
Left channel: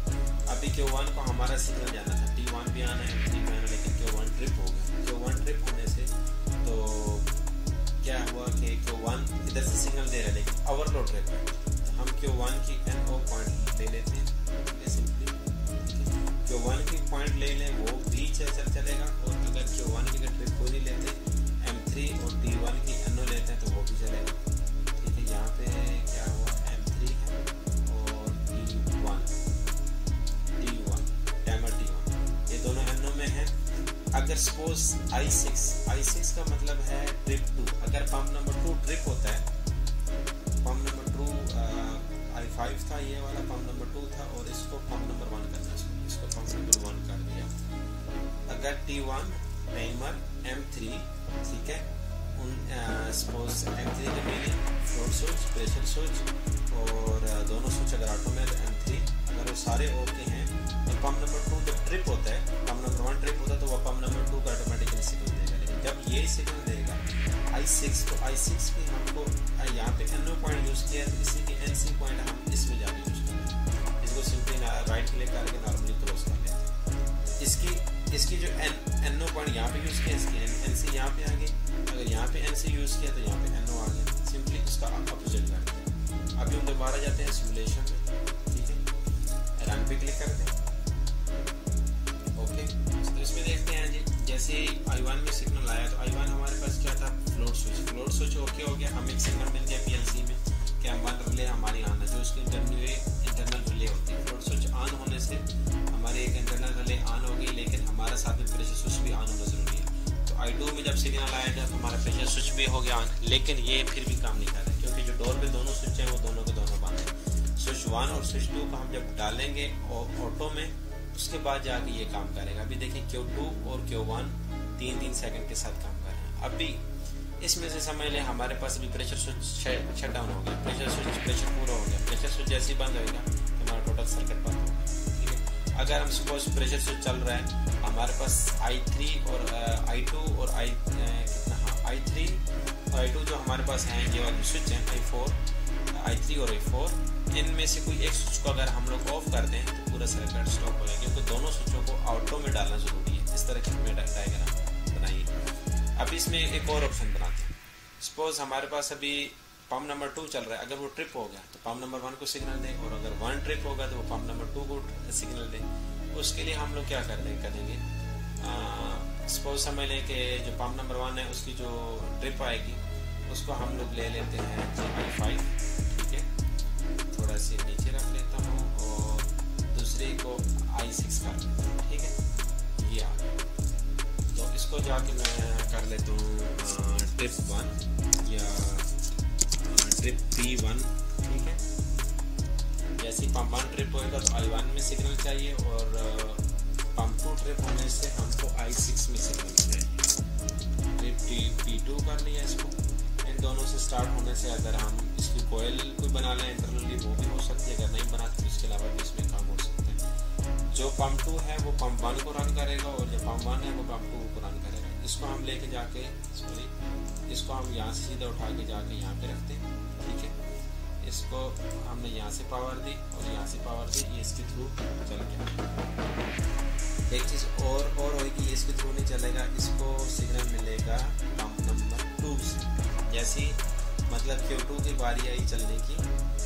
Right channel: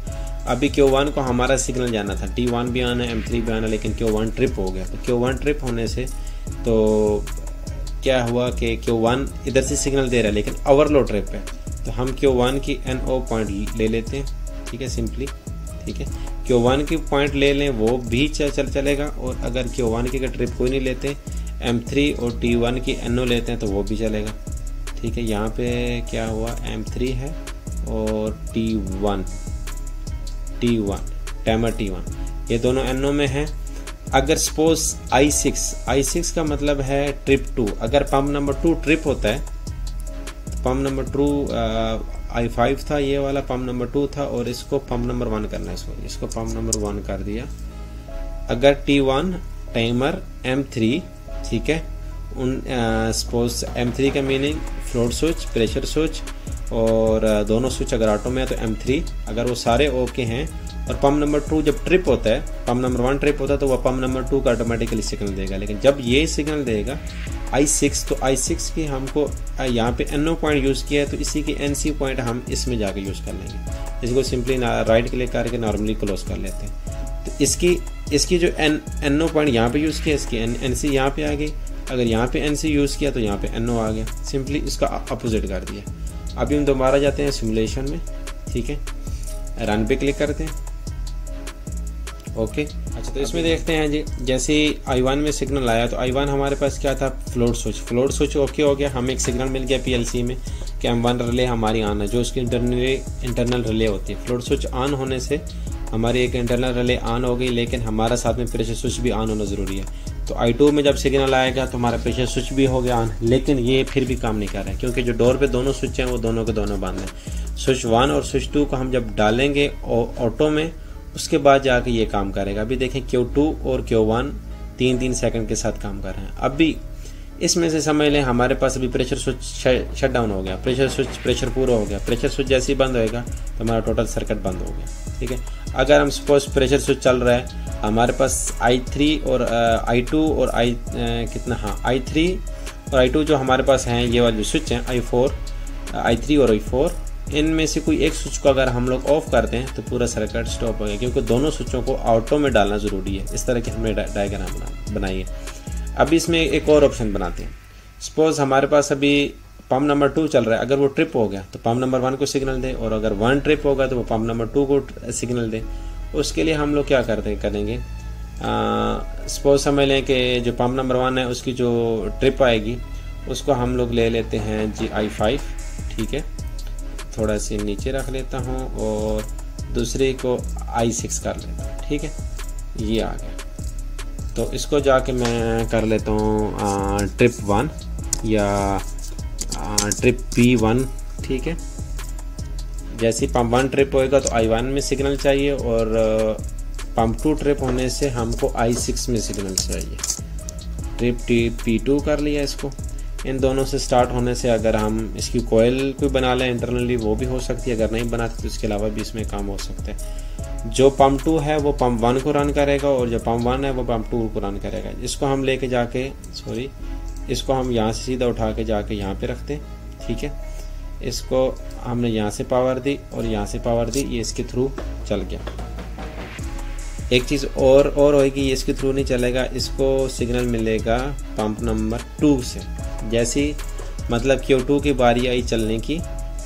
अभी Q1 को हमारा सिग्नल जाना था, T1 भी आना है, M3 भी आना, लेकिन Q1 ट्रिप हो गया। तो Q1 ट्रिप होने से तो क्या हुआ कि Q1 इधर से सिग्नल दे रहा है लेकिन ओवरलोड ट्रिप है, तो हम Q1 की NO पॉइंट ले लेते हैं, ठीक है, सिंपली, ठीक है। Q1 की पॉइंट ले लें वो भी चलेगा, और अगर Q1 की ट्रिप कोई नहीं लेते, M3 और T1 की NO लेते हैं तो वो भी चलेगा, ठीक है। यहाँ पे क्या हुआ, M3 है और T1 टाइमर T1, ये दोनों NO में है। अगर सपोज I6 का मतलब है ट्रिप 2, अगर पंप नंबर 2 ट्रिप होता है, पंप नंबर 2 I5 था, ये वाला पंप नंबर 2 था, और इसको पंप नंबर 1 करना है, इसको पंप नंबर 1 कर दिया। अगर T1 टाइमर M3, ठीक है, सपोज M3 का meaning float switch, pressure switch, और दोनों स्विच अगर ऑटो में है तो M3, अगर वो सारे ओके हैं, और पंप नंबर 2 जब ट्रिप होता है, पंप नंबर 1 ट्रिप होता है तो वह पंप नंबर 2 का ऑटोमेटिकली सिग्नल देगा। लेकिन जब ये सिग्नल देगा I6, तो I6 की हमको यहाँ पे NO पॉइंट यूज़ किया है, तो इसी की NC पॉइंट हम इसमें जाके यूज़ कर लेंगे। इसको सिंपली राइट क्लिक करके नॉर्मली क्लोज कर लेते हैं। तो इसकी जो NO पॉइंट यहाँ पे यूज़ किया, इसकी NC यहाँ पे आ गई। अगर यहाँ पे NC यूज़ किया तो यहाँ पे NO आ गया, सिंपली इसका अपोजिट कर दिया। अभी हम दोबारा जाते हैं सिमुलेशन में, ठीक है, रन पे क्लिक करते हैं, ओके। अच्छा, तो इसमें देखते हैं जी, जैसे I1 में सिग्नल आया तो I1 हमारे पास क्या था, फ्लोट स्विच ओके हो गया। हमें एक सिग्नल मिल गया PLC में कि M1 रिले हमारी ऑन है, जो उसकी इंटरनल रिले होती है। फ्लोट स्विच ऑन होने से हमारी एक इंटरनल रिले ऑन हो गई, लेकिन हमारा साथ में प्रेशर स्विच भी ऑन होना ज़रूरी है। तो I2 में जब सिग्नल आएगा तो हमारा प्रेशर स्विच भी हो गया ऑन, लेकिन ये फिर भी काम नहीं कर रहा है, क्योंकि जो डोर पे दोनों स्विच हैं वो दोनों के दोनों बंद हैं। स्विच 1 और स्विच 2 को हम जब डालेंगे ऑटो में, उसके बाद जाके ये काम करेगा। अभी देखें Q2 और Q1 3-3 सेकंड के साथ काम कर रहे हैं। अभी इसमें से समझ लें हमारे पास अभी प्रेशर स्विच शट डाउन हो गया, प्रेशर पूरा हो गया। प्रेशर स्विच जैसे ही बंद होएगा तो हमारा टोटल सर्किट बंद हो गया, ठीक है। अगर हम सपोज प्रेशर स्विच चल रहा है, हमारे पास I3 और I2 और I3 और I2 जो हमारे पास हैं, ये वाले जो स्विच हैं I3 और I4, इनमें से कोई एक स्विच को अगर हम लोग ऑफ कर दें तो पूरा सर्किट स्टॉप हो गया, क्योंकि दोनों स्विचों को ऑटो में डालना ज़रूरी है। इस तरह की हमने डायग्राम बनाई है। अभी इसमें एक और ऑप्शन बनाते हैं। सपोज हमारे पास अभी पंप नंबर 2 चल रहा है, अगर वो ट्रिप हो गया तो पंप नंबर 1 को सिग्नल दे, और अगर 1 ट्रिप होगा तो वो पंप नंबर 2 को सिग्नल दे। उसके लिए हम लोग क्या करेंगे, सपोज समझ लें कि जो पंप नंबर 1 है उसकी जो ट्रिप आएगी उसको हम लोग ले लेते हैं जी I5, ठीक है। थोड़ा सी नीचे रख लेता हूँ और दूसरे को I6 कर लेता हूँ, ठीक है। ये आ गया। तो इसको जाके मैं कर लेता हूँ ट्रिप 1 या ट्रिप P1, ठीक है। जैसे पंप 1 ट्रिप होएगा तो I1 में सिग्नल चाहिए, और पंप 2 ट्रिप होने से हमको I6 में सिग्नल चाहिए। ट्रिप P2 कर लिया इसको। इन दोनों से स्टार्ट होने से अगर हम इसकी कोयल कोई बना लें इंटरनली वो भी हो सकती है, अगर नहीं बनाते तो इसके अलावा भी इसमें काम हो सकता है। जो पंप 2 है वो पंप 1 को रन करेगा, और जो पंप 1 है वो पंप 2 को रन करेगा। इसको हम लेके जाके इसको हम यहाँ से सीधा उठा के जाके यहाँ पे रखते हैं, ठीक है। इसको हमने यहाँ से पावर दी और यहाँ से पावर दी, ये इसके थ्रू चल गया। एक चीज़ और होगी, ये इसके थ्रू नहीं चलेगा, इसको सिग्नल मिलेगा पंप नंबर 2 से। जैसी मतलब Q2 की बारी आई चलने की,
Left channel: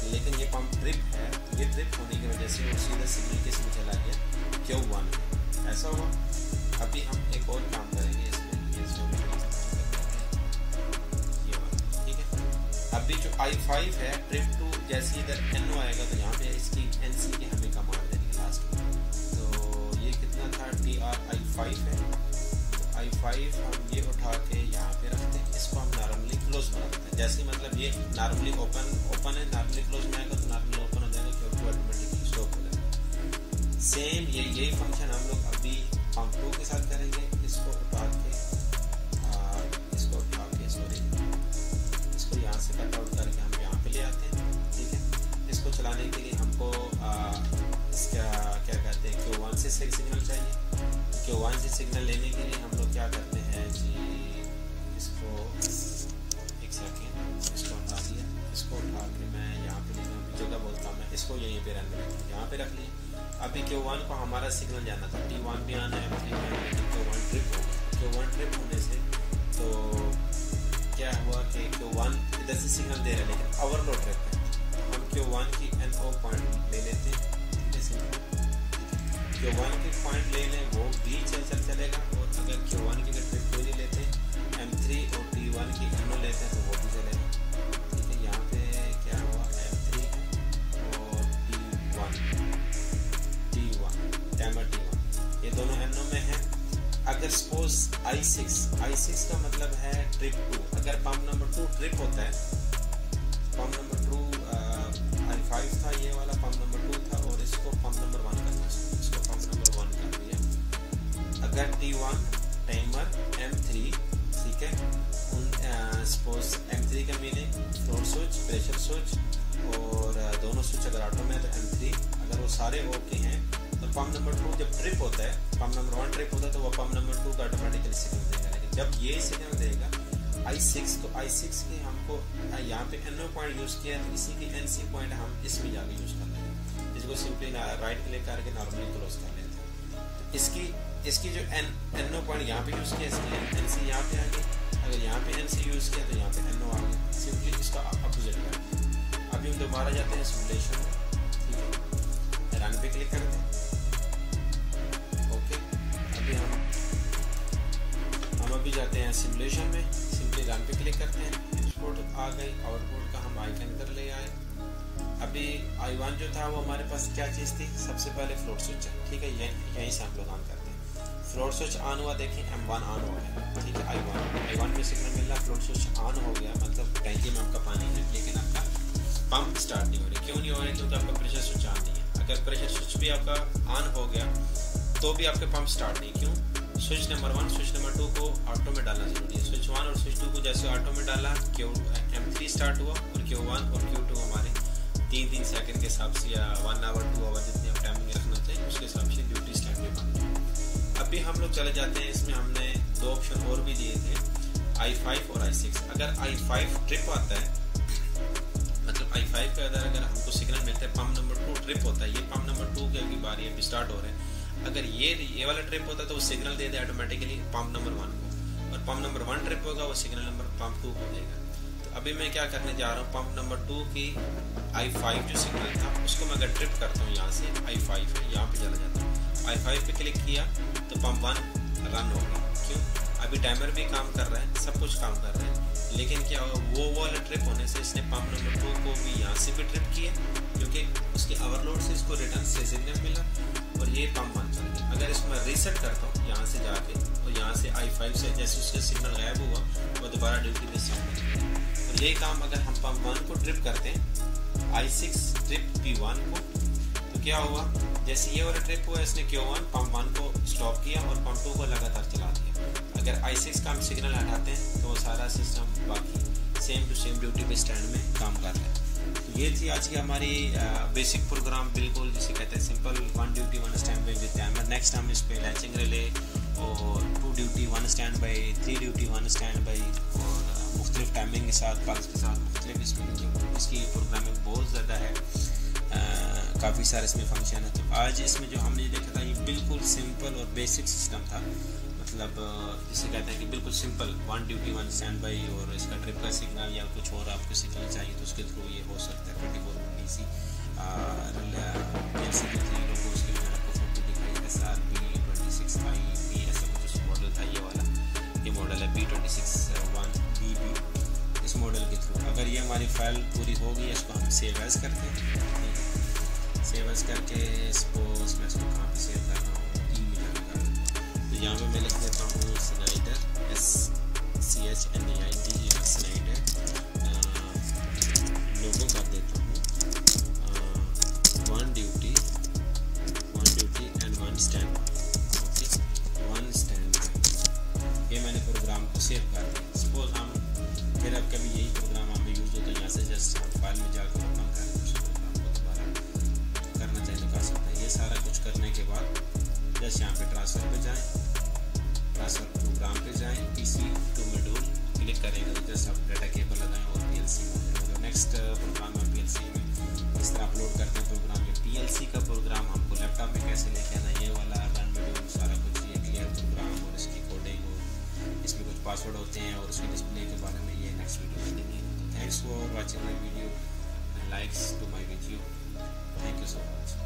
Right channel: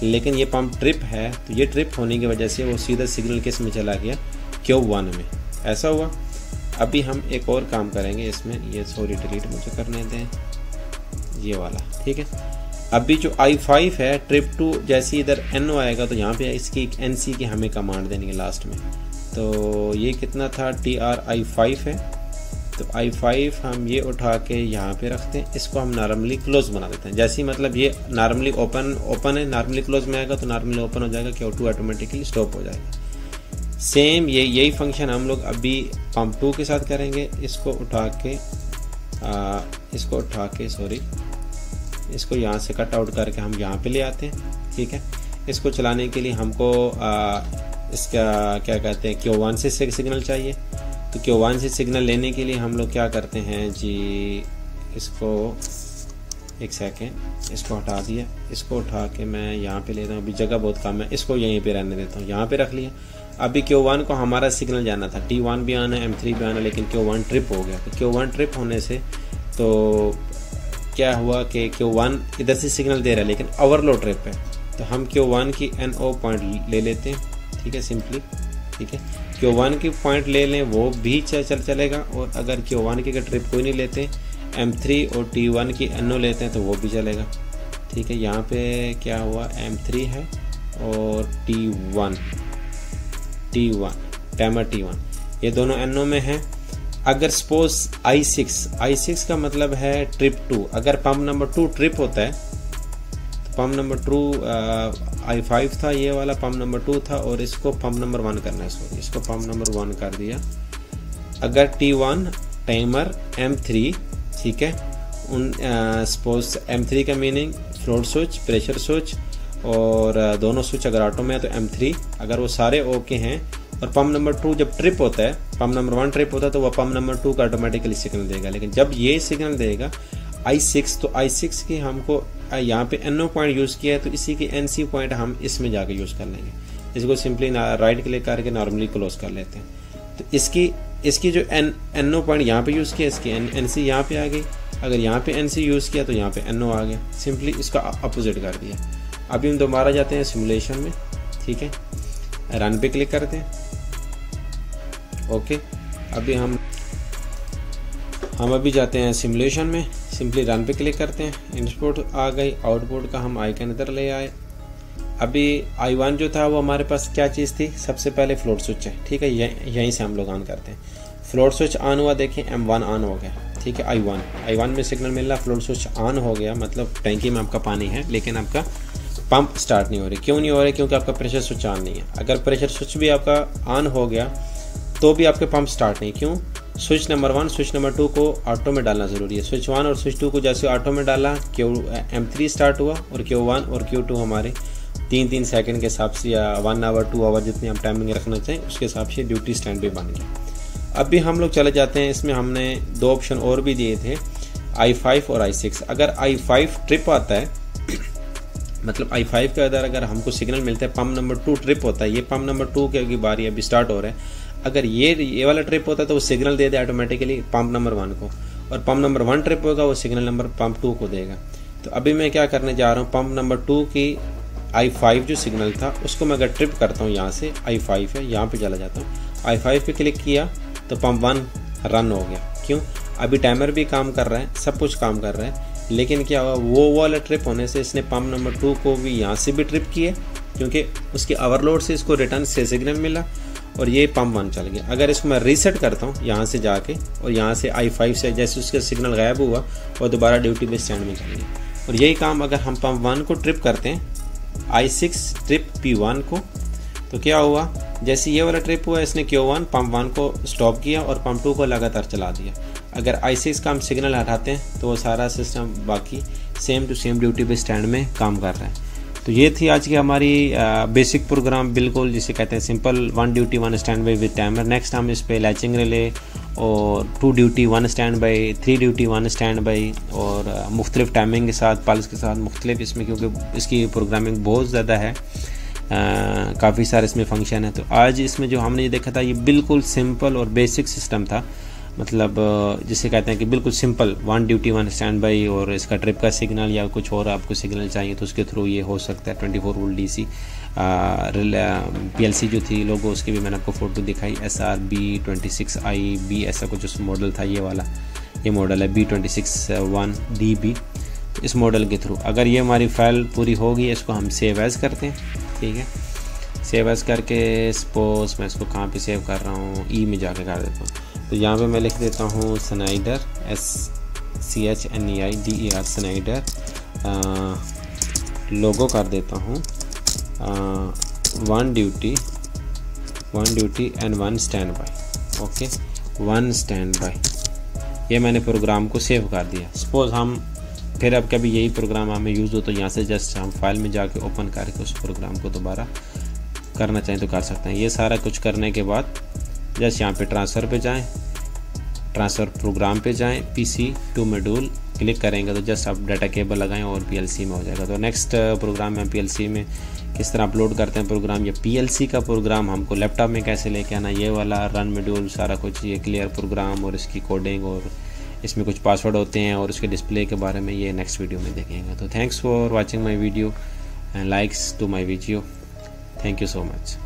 लेकिन ये पंप ट्रिप है तो ये ट्रिप होने की वजह से वो सीधा सिग्नल किस में चला गया, Q1 में। ऐसा हुआ। अभी हम एक और काम करेंगे इसमें, ये डिलीट मुझे करने दें, ये वाला, ठीक है। अभी जो I5 है ट्रिप 2, जैसे इधर NO आएगा तो यहाँ पे इसकी NC की हमें कमांड देनी है लास्ट में। तो ये कितना था, TR-I5 है, तो I5 हम ये उठा के यहाँ पे रखते हैं। इसको हम नॉर्मली क्लोज बना देते हैं। जैसे मतलब ये नॉर्मली ओपन है, नॉर्मली क्लोज में आएगा तो नॉर्मली ओपन हो जाएगा, Q2 ऑटोमेटिकली स्टॉप हो जाएगा। सेम यही फंक्शन हम लोग अभी पंप 2 के साथ करेंगे। इसको यहाँ से कट आउट करके हम यहाँ पे ले आते हैं, ठीक है। इसको चलाने के लिए हमको इसका क्या कहते हैं, Q1 से सिग्नल चाहिए। तो Q1 से सिग्नल लेने के लिए हम लोग क्या करते हैं जी, इसको एक सेकेंड, इसको हटा दिया। इसको उठा के मैं यहाँ पे ले रहा हूँ, अभी जगह बहुत कम है, इसको यहीं पे रहने देता हूँ। यहाँ पे रख लिया। अभी Q1 को हमारा सिग्नल जाना था, T1 भी आना है, M3 भी आना है, लेकिन Q1 ट्रिप हो गया। तो Q1 ट्रिप होने से तो क्या हुआ कि Q1 इधर से सिग्नल दे रहा है लेकिन ओवरलोड ट्रिप है, तो हम Q1 की NO पॉइंट ले लेते हैं, ठीक है, सिंपली, ठीक है। Q1 की पॉइंट ले लें वो भी चलेगा, और अगर Q1 की ट्रिप कोई नहीं लेते, M3 और T1 की NO लेते हैं तो वो भी चलेगा, ठीक है। यहाँ पे क्या हुआ, M3 है और T1 टाइमर T1, ये दोनों NO में हैं। अगर सपोज I6 का मतलब है ट्रिप 2, अगर पंप नंबर 2 ट्रिप होता है, पंप नंबर 2 I5 था, ये वाला पंप नंबर 2 था, और इसको पंप नंबर 1 करना है, इसको पंप नंबर 1 कर दिया। अगर T1 टाइमर M3, ठीक है, सपोज M3 का meaning float switch, pressure switch, और दोनों स्विच अगर ऑटो में है तो M3, अगर वो सारे ओके हैं, और पंप नंबर 2 जब ट्रिप होता है, पंप नंबर 1 ट्रिप होता है तो वह पंप नंबर 2 का ऑटोमेटिकली सिग्नल देगा। लेकिन जब ये सिग्नल देगा I6, तो I6 की हमको यहाँ पे NO पॉइंट यूज़ किया है, तो इसी की NC पॉइंट हम इसमें जाके यूज़ कर लेंगे। इसको सिंपली राइट क्लिक करके नॉर्मली क्लोज कर लेते हैं। तो इसकी जो NO पॉइंट यहाँ पे यूज़ किया, इसकी NC यहाँ पे आ गई। अगर यहाँ पे NC यूज़ किया तो यहाँ पे NO आ गया, सिंपली इसका अपोजिट कर दिया। अभी हम दोबारा जाते हैं सिमुलेशन में, ठीक है, रन पे क्लिक करते हैं, ओके। अभी हम अभी जाते हैं सिमुलेशन में, सिंपली रन पे क्लिक करते हैं, इनपुट आ गई, आउटपुट का हम आइकन इधर ले आए। अभी I1 जो था वो हमारे पास क्या चीज़ थी, सबसे पहले फ्लोट स्विच है, ठीक है, यहीं से हम लोग ऑन करते हैं। फ्लोट स्विच ऑन हुआ, देखिए M1 ऑन हो गया, ठीक है। I1 में सिग्नल मिल रहा, फ्लोट स्विच ऑन हो गया, मतलब टैंकी में आपका पानी है लेकिन आपका पंप स्टार्ट नहीं हो रही। क्यों नहीं हो रही? क्योंकि आपका प्रेशर स्विच ऑन नहीं है। अगर प्रेशर स्विच भी आपका ऑन हो गया तो भी आपके पंप स्टार्ट नहीं। क्यों? स्विच नंबर 1 स्विच नंबर 2 को ऑटो में डालना ज़रूरी है। स्विच 1 और स्विच 2 को जैसे ऑटो में डाला, M3 स्टार्ट हुआ और Q1 और Q2 हमारे 3-3 सेकंड के हिसाब से या 1 आवर 2 आवर जितनी हम टाइमिंग रखना चाहें उसके हिसाब से ड्यूटी स्टैंड पे बन गया। अब भी हम लोग चले जाते हैं, इसमें हमने 2 ऑप्शन और भी दिए थे, I5 और I6। अगर I5 ट्रिप आता है, मतलब I5 के अंदर अगर हमको सिग्नल मिलता है, पंप नंबर 2 ट्रिप होता है, ये पंप नंबर 2 की बारी अभी स्टार्ट हो रहा है, अगर ये वाला ट्रिप होता है तो वो सिग्नल दे दे ऑटोमेटिकली पंप नंबर 1 को, और पंप नंबर 1 ट्रिप होगा वो सिग्नल नंबर पंप 2 को देगा। तो अभी मैं क्या करने जा रहा हूँ, पंप नंबर 2 की I5 जो सिग्नल था उसको मैं अगर ट्रिप करता हूँ, यहाँ से I5 है, यहाँ पे चला जाता हूँ, I5 पे क्लिक किया तो पंप 1 रन हो गया। क्यों? अभी टाइमर भी काम कर रहा है, सब कुछ काम कर रहा है, लेकिन क्या हुआ, वो वाला ट्रिप होने से इसने पंप नंबर 2 को भी यहाँ से भी ट्रिप किए, क्योंकि उसके ओवरलोड से इसको रिटर्न से सिग्नल मिला और ये पंप 1 चल गया। अगर इसको मैं रीसेट करता हूँ यहाँ से जाके, और यहाँ से I5 से जैसे उसका सिग्नल गायब हुआ और दोबारा ड्यूटी बेस स्टैंड में चल गया। और यही काम अगर हम पंप 1 को ट्रिप करते हैं, I6 ट्रिप P1 को, तो क्या हुआ, जैसे ये वाला ट्रिप हुआ इसने Q1 पंप 1 को स्टॉप किया और पंप 2 को लगातार चला दिया। अगर I6 का हम सिग्नल हटाते हैं तो वो सारा सिस्टम बाकी same to same duty base stand में काम कर रहा है। तो ये थी आज की हमारी बेसिक प्रोग्राम, बिल्कुल जिसे कहते हैं simple 1 duty 1 stand by with timer. Next हम इस पे लैचिंग रिले और 2 duty 1 stand by, 3 duty 1 stand by और मुख्तलिफ टाइमिंग के साथ, पल्स के साथ मुख्तलिफ इसमें, क्योंकि इसकी प्रोग्रामिंग बहुत ज़्यादा है, काफ़ी सारे इसमें फंक्शन है। तो आज इसमें जो हमने ये देखा था ये बिल्कुल सिंपल और बेसिक सिस्टम था, मतलब जिसे कहते हैं कि बिल्कुल सिंपल 1 ड्यूटी 1 स्टैंड बाई, और इसका ट्रिप का सिग्नल या कुछ और आपको सिग्नल चाहिए तो उसके थ्रू ये हो सकता है। 24 वोल्ट DC PLC जो थी लोगो, उसकी भी मैंने आपको फ़ोटो दिखाई, SRB26IB ऐसा कुछ उस मॉडल था, ये वाला ये मॉडल है B261DB। इस मॉडल के थ्रू अगर ये हमारी फाइल पूरी होगी, इसको हम सेव एज़ करते हैं, ठीक है। सेव एज़ करके सपोज मैं इसको कहाँ पे सेव कर रहा हूँ, ई में जाके कर देता हूँ। तो यहाँ पे मैं लिख देता हूँ स्नाइडर, SCHNEIDER स्नाइडर, लोगो कर देता हूँ 1 duty and 1 stand by, okay 1 stand by. ये मैंने प्रोग्राम को सेव कर दिया। सपोज हम फिर अब कभी यही प्रोग्राम हमें यूज़ हो तो यहाँ से जस्ट हम फाइल में जाके ओपन करके उस प्रोग्राम को दोबारा करना चाहें तो कर सकते हैं। ये सारा कुछ करने के बाद जस्ट यहाँ पे ट्रांसफ़र पे जाएं, ट्रांसफ़र प्रोग्राम पे जाएं, PC टू मॉड्यूल क्लिक करेंगे तो जस्ट आप डाटा केबल लगाएं और PLC में हो जाएगा। तो नेक्स्ट प्रोग्राम में हम PLC में किस तरह अपलोड करते हैं प्रोग्राम, या PLC का प्रोग्राम हमको लैपटॉप में कैसे लेके आना, ये वाला रन मॉड्यूल सारा कुछ, ये क्लियर प्रोग्राम और इसकी कोडिंग और इसमें कुछ पासवर्ड होते हैं और उसके डिस्प्ले के बारे में ये नेक्स्ट वीडियो में देखेंगे। तो thanks for watching my video and likes to my video. Thank you so much.